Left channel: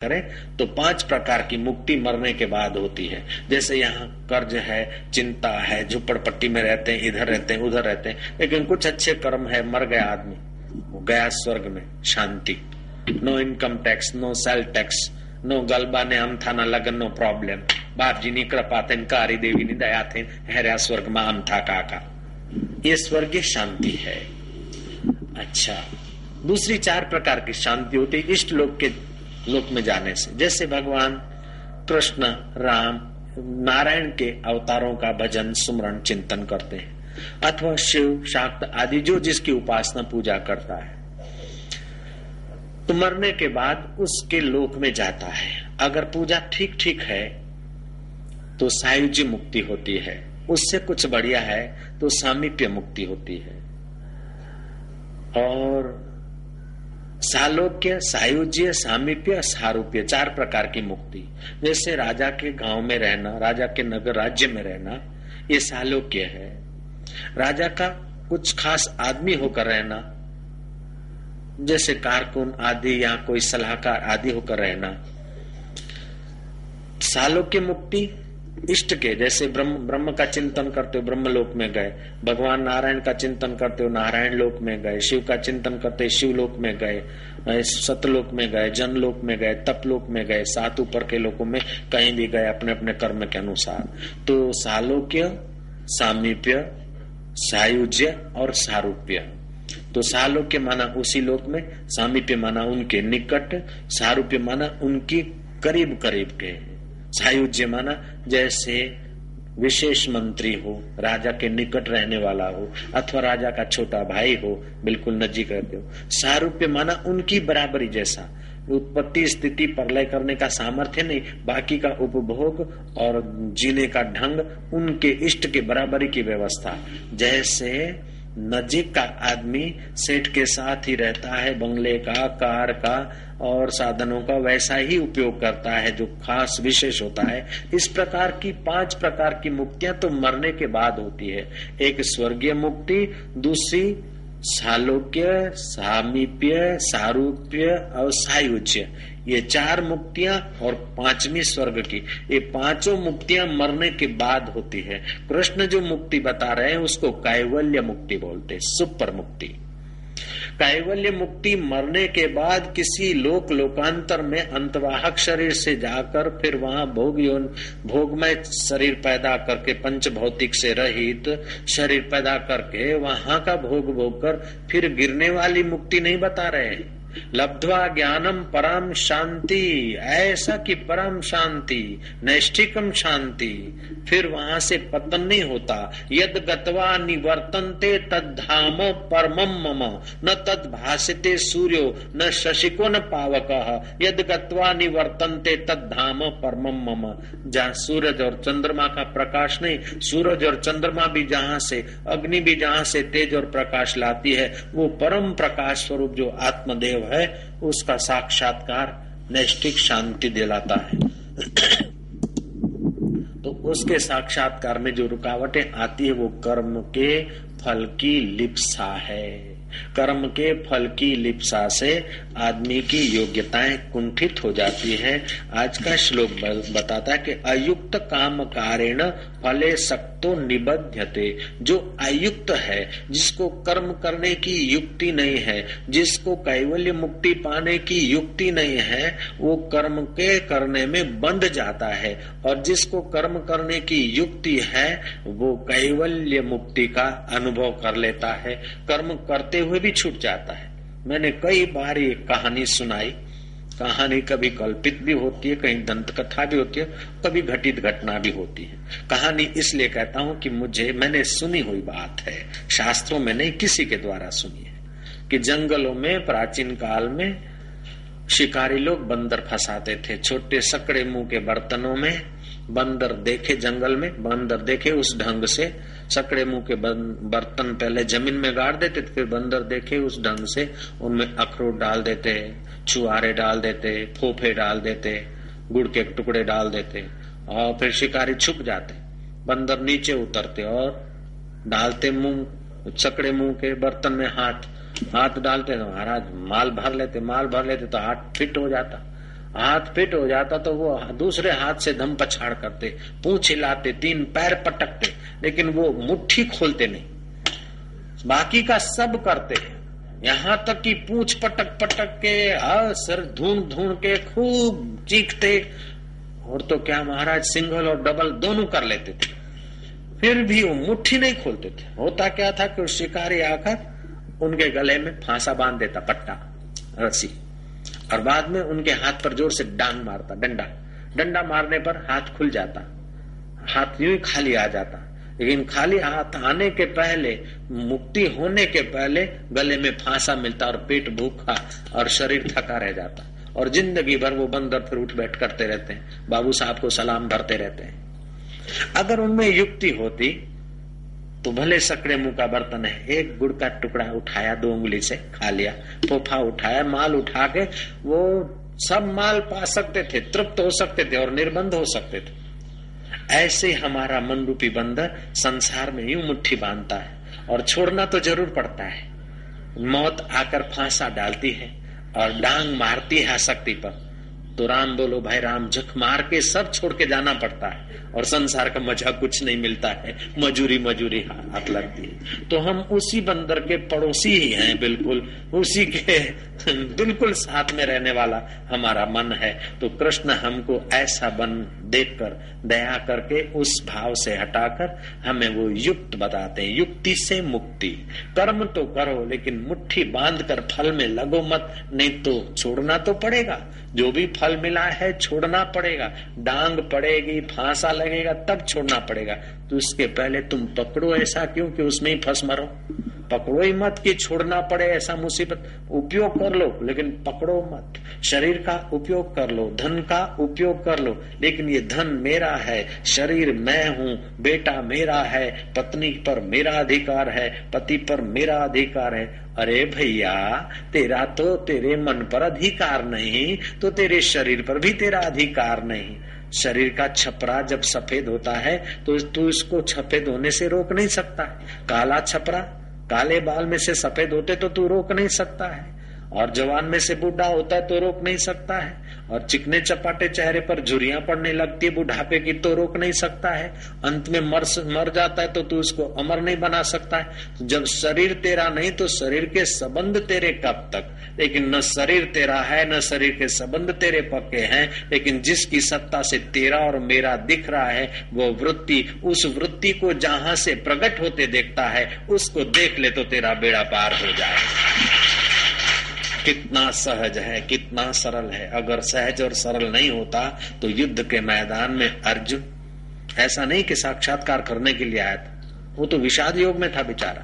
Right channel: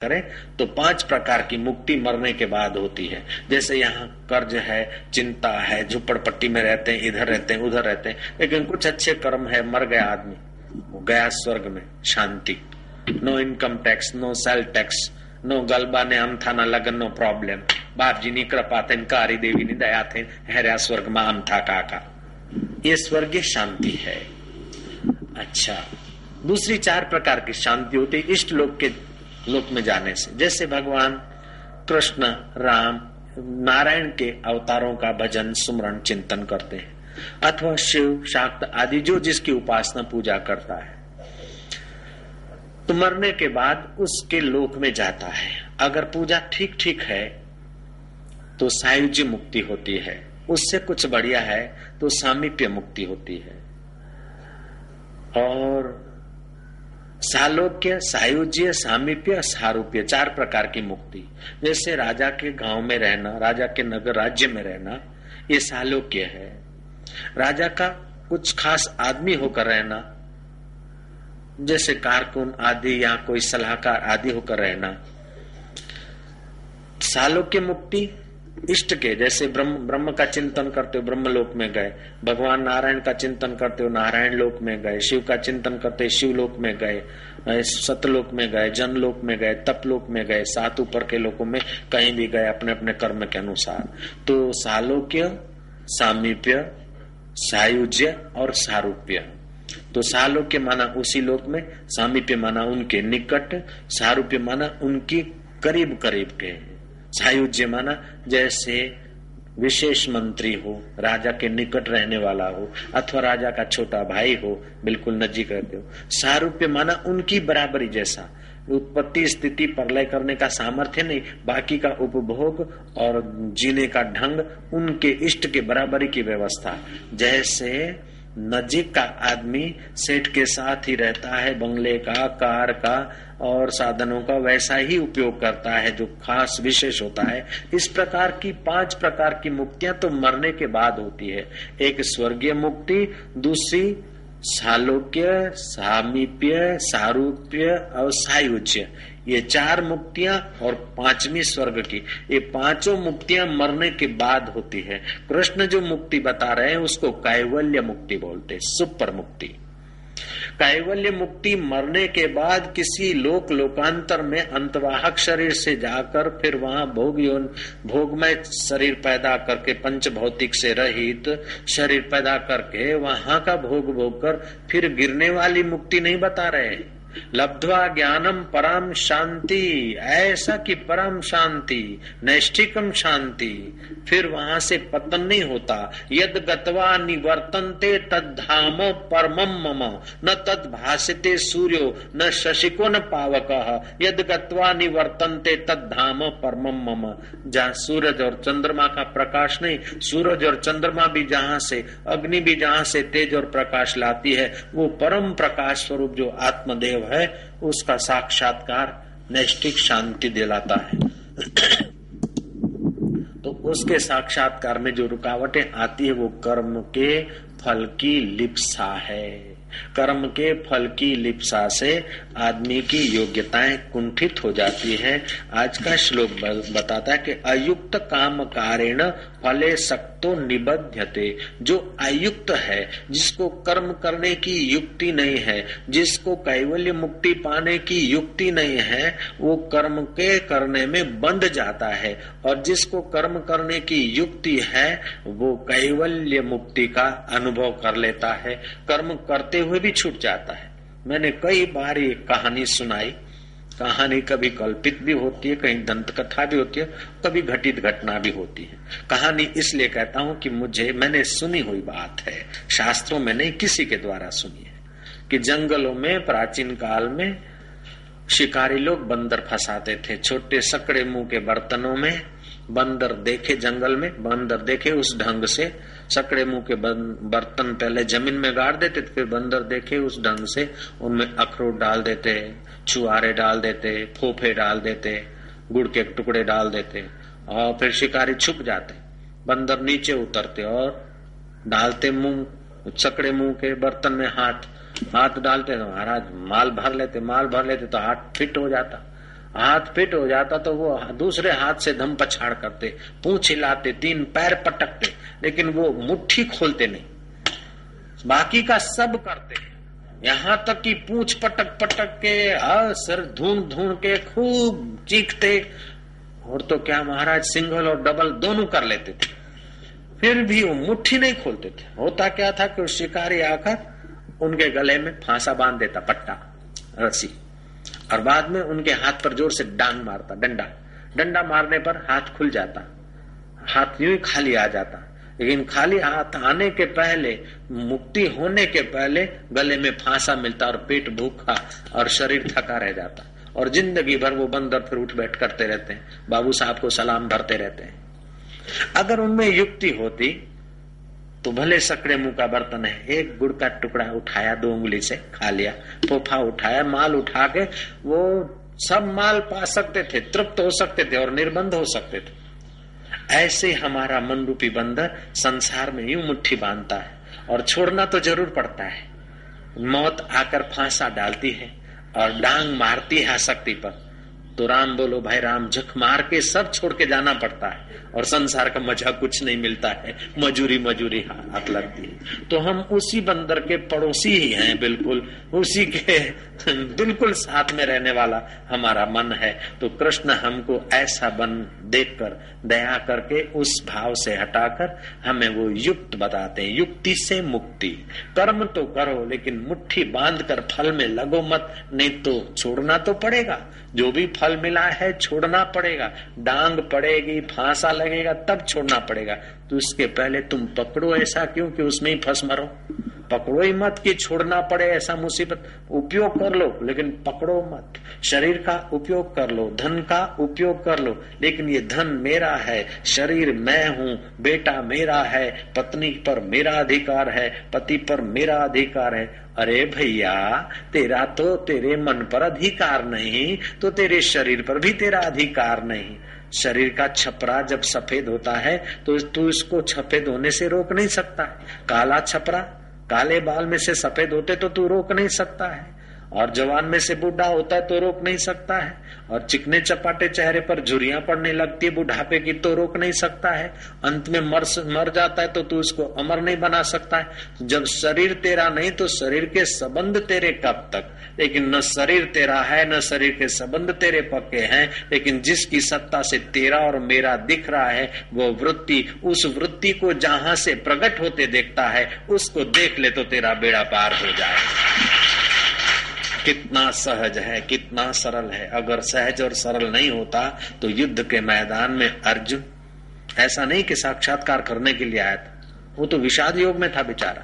करें तो 5 प्रकार की मुक्ति मरने के बाद होती है। जैसे यहाँ कर्ज है, चिंता है, झुपड़पट्टी में रहते हैं, इधर रहते हैं, उधर रहते हैं, लेकिन कुछ अच्छे कर्म है, मर गया आदमी, वो गया स्वर्ग में, शांति, no income tax, no sale tax, no गलबा ने हम था, न लगन, नो प्रॉब्लम, बाप जी नी कृपा थे, कारी देवी नी दया थे, हरिया स्वर्ग में हम था काका। ये स्वर्गीय शांति है। अच्छा, दूसरी 4 प्रकार की शांति होती है इष्ट लोक में जाने से। जैसे भगवान कृष्ण, राम, नारायण के अवतारों का भजन, सुमरण, चिंतन करते हैं, अथवा शिव, शाक्त आदि जो जिसकी उपासना पूजा करता है, तो मरने के बाद उसके लोक में जाता है। अगर पूजा ठीक ठीक है तो सायुज्य मुक्ति होती है, उससे कुछ बढ़िया है तो सामीप्य मुक्ति होती है, और सालोक्य, सायुज्य, सामीप्य, सारूप्य 4 प्रकार की मुक्ति। जैसे राजा के गांव में रहना, राजा के नगर राज्य में रहना, ये सालोक्य है। राजा का कुछ खास आदमी होकर रहना, जैसे कारकुन आदि या कोई सलाहकार आदि होकर रहना। सालोक्य मुक्ति इष्ट के, जैसे ब्रह्म का चिंतन करते हो ब्रह्मलोक में गए, भगवान नारायण का चिंतन करते हो नारायण लोक में गए, शिव का चिंतन करते शिवलोक में गए, सतलोक में गए, जनलोक में गए, तपलोक में गए, 7 ऊपर के लोकों में कहीं भी गए अपने अपने कर्म के अनुसार। तो सालोक्य, सामीप्य, सायुज्य और सारूप्य। तो सालोक्य माना उसी लोक में, सामीप्य माना उनके निकट, सारूप्य माना उनकी करीब करीब के, सायुज्य माना जैसे विशेष मंत्री हो, राजा के निकट रहने वाला हो, अथवा राजा का छोटा भाई हो, बिल्कुल नजीक रहते हो। सारूप्य माना उनकी बराबरी जैसा, उत्पत्ति स्थिति प्रलय करने का सामर्थ्य नहीं, बाकी का उपभोग और जीने का ढंग उनके इष्ट के बराबरी की व्यवस्था। जैसे नजीक का आदमी सेठ के साथ ही रहता है, बंगले का, कार का और साधनों का वैसा ही उपयोग करता है जो खास विशेष होता है। इस प्रकार की 5 प्रकार की मुक्तियां तो मरने के बाद होती है। एक स्वर्गीय मुक्ति, दूसरी सालोक्य, सामीप्य, सारूप्य और सायुज्य, ये 4 मुक्तियां, और 5वीं स्वर्ग की। ये 5 मुक्तियां मरने के बाद होती है। कृष्ण जो मुक्ति बता रहे हैं उसको कैवल्य मुक्ति बोलते, सुपर मुक्ति। कैवल्य मुक्ति मरने के बाद किसी लोकांतर में अंतवाहक शरीर से जाकर फिर वहां भोगमय शरीर पैदा करके, पंच भौतिक से रहित शरीर पैदा करके वहां का भोग कर फिर गिरने वाली मुक्ति नहीं बता रहे। लब्ध्वा ज्ञानम परम शांति, ऐसा कि परम शांति, नैष्ठिकम शांति, फिर वहां से पतन नहीं होता। यद गत्वा निवर्तन्ते तद्धामो परमम मम, न तद भासते सूर्यो न शशिको न पावकः, यद गत्वा निवर्तन्ते तद्धामो परमम मम। जहाँ सूरज और चंद्रमा का प्रकाश नहीं, सूरज और चंद्रमा भी जहाँ से, अग्नि भी जहाँ से तेज और प्रकाश लाती है, वो परम प्रकाश स्वरूप जो आत्मदेव है, उसका साक्षात्कार नैष्ठिक शांति दिलाता है। तो उसके साक्षात्कार में जो रुकावटें आती है वो कर्म के फल की लिप्सा है। कर्म के फल की लिप्सा से आदमी की योग्यताएं कुंठित हो जाती है। आज का श्लोक बताता है कि अयुक्त काम कारेण फले सक्तो निबध्यते। जो अयुक्त है, जिसको कर्म करने की युक्ति नहीं है, जिसको कैवल्य मुक्ति पाने की युक्ति नहीं है, वो कर्म के करने में बंध जाता है, और जिसको कर्म करने की युक्ति है वो कैवल्य मुक्ति का अनुभव कर लेता है, कर्म करते हुए भी छूट जाता है। मैंने कई बार ये कहानी सुनाई। कहानी कभी कल्पित भी होती है, कहीं दंत कथा भी होती है, कभी घटित घटना भी होती है। कहानी इसलिए कहता हूँ कि मैंने सुनी हुई बात है, शास्त्रों में नहीं, किसी के द्वारा सुनी है, कि जंगलों में प्राचीन काल में शिकारी लोग बंदर फंसाते थे। छोटे सकड़े मुंह के बर्तनों में बंदर देखे, जंगल में बंदर देखे, उस ढंग से सकड़े मुंह के बर्तन पहले जमीन में गाड़ देते, फिर बंदर देखे उस ढंग से उनमें अखरोट डाल देते, छुआरे डाल देते, फोफे डाल देते, गुड़ के टुकड़े डाल देते, और फिर शिकारी छुप जाते। बंदर नीचे उतरते और डालते मुंह, सकड़े मुंह के बर्तन में हाथ डालते, महाराज माल भर लेते तो हाथ फिट हो जाता। हाथ फिट हो जाता तो वो दूसरे हाथ से धम पछाड़ करते, पूंछ हिलाते, 3 पैर पटकते, लेकिन वो मुट्ठी खोलते नहीं, बाकी का सब करते। यहाँ तक कि पूंछ पटक पटक के और सर ढूंढ ढूंढ के खूब चीखते, और तो क्या महाराज सिंगल और डबल दोनों कर लेते थे, फिर भी वो मुट्ठी नहीं खोलते थे। होता क्या था कि शिकारी आकर उनके गले में फांसा बांध देता, पट्टा रस्सी, और बाद में उनके हाथ पर जोर से डांग मारता, डंडा मारने पर हाथ खुल जाता, हाथ यूं ही खाली आ जाता। लेकिन खाली हाथ आने के पहले, मुक्ति होने के पहले गले में फांसा मिलता और पेट भूखा और शरीर थका रह जाता, और जिंदगी भर वो बंदर फिर उठ बैठ करते रहते हैं, बाबू साहब को सलाम भरते रहते हैं। अगर उनमें युक्ति होती तो भले सकड़े मुंह का बर्तन है, एक गुड़ का टुकड़ा उठाया 2 उंगली से खा लिया, फोफा उठाया, माल उठा के वो सब माल पा सकते थे, तृप्त हो सकते थे और निर्बंध हो सकते थे। ऐसे हमारा मन रूपी बंदर संसार में यूं मुट्ठी बांधता है, और छोड़ना तो जरूर पड़ता है। मौत आकर फांसा डालती है और डांग मारती है आसक्ति पर, तो राम बोलो भाई राम, झक मार के सब छोड़ के जाना पड़ता है, और संसार का मजा कुछ नहीं मिलता है, मजूरी हाथ लगती है। तो हम उसी बंदर के पड़ोसी ही हैं, बिल्कुल उसी के बिल्कुल साथ में रहने वाला हमारा मन है। तो कृष्ण हमको ऐसा बन देखकर दया करके उस भाव से हटाकर हमें वो युक्त बताते हैं, युक्ति से मुक्ति। कर्म तो करो, लेकिन मुट्ठी बांध कर फल में लगो मत, नहीं तो छोड़ना तो पड़ेगा। जो भी फल मिला है छोड़ना पड़ेगा, डांग पड़ेगी, फांसा लगेगा, तब छोड़ना पड़ेगा। तो इसके पहले तुम पकड़ो, ऐसा क्यों कि उसमें ही फंस मरो। पकड़ो ही मत कि छोड़ना पड़े ऐसा मुसीबत। उपयोग कर लो लेकिन पकड़ो मत। शरीर का उपयोग कर लो, धन का उपयोग कर लो, लेकिन ये धन मेरा है, शरीर मैं हूँ, बेटा मेरा है, पत्नी पर मेरा अधिकार है, पति पर मेरा अधिकार है। अरे भैया, तेरा तो तेरे मन पर अधिकार नहीं, तो तेरे शरीर पर भी तेरा अधिकार नहीं। शरीर का छपरा जब सफेद होता है तो तू इसको सफेद होने से रोक नहीं सकता। काला छपरा, काले बाल में से सफेद होते तो तू रोक नहीं सकता है, और जवान में से बूढ़ा होता है तो रोक नहीं सकता है, और चिकने चपाटे चेहरे पर झुर्रियां पड़ने लगती है बुढ़ापे की तो रोक नहीं सकता है। अंत में मर जाता है तो तू उसको अमर नहीं बना सकता है। जब शरीर तेरा नहीं तो शरीर के संबंध तेरे कब तक। लेकिन न शरीर तेरा है न शरीर के संबंध तेरे पक्के हैं, लेकिन जिसकी सत्ता से तेरा और मेरा दिख रहा है वो वृत्ति, उस वृत्ति को जहां से प्रकट होते देखता है उसको देख ले तो तेरा बेड़ा पार हो जाए। कितना सहज है, कितना सरल है। अगर सहज और सरल नहीं होता तो युद्ध के मैदान में अर्जुन ऐसा नहीं कि साक्षात्कार करने के लिए आया था, वो तो विषाद योग में था बेचारा।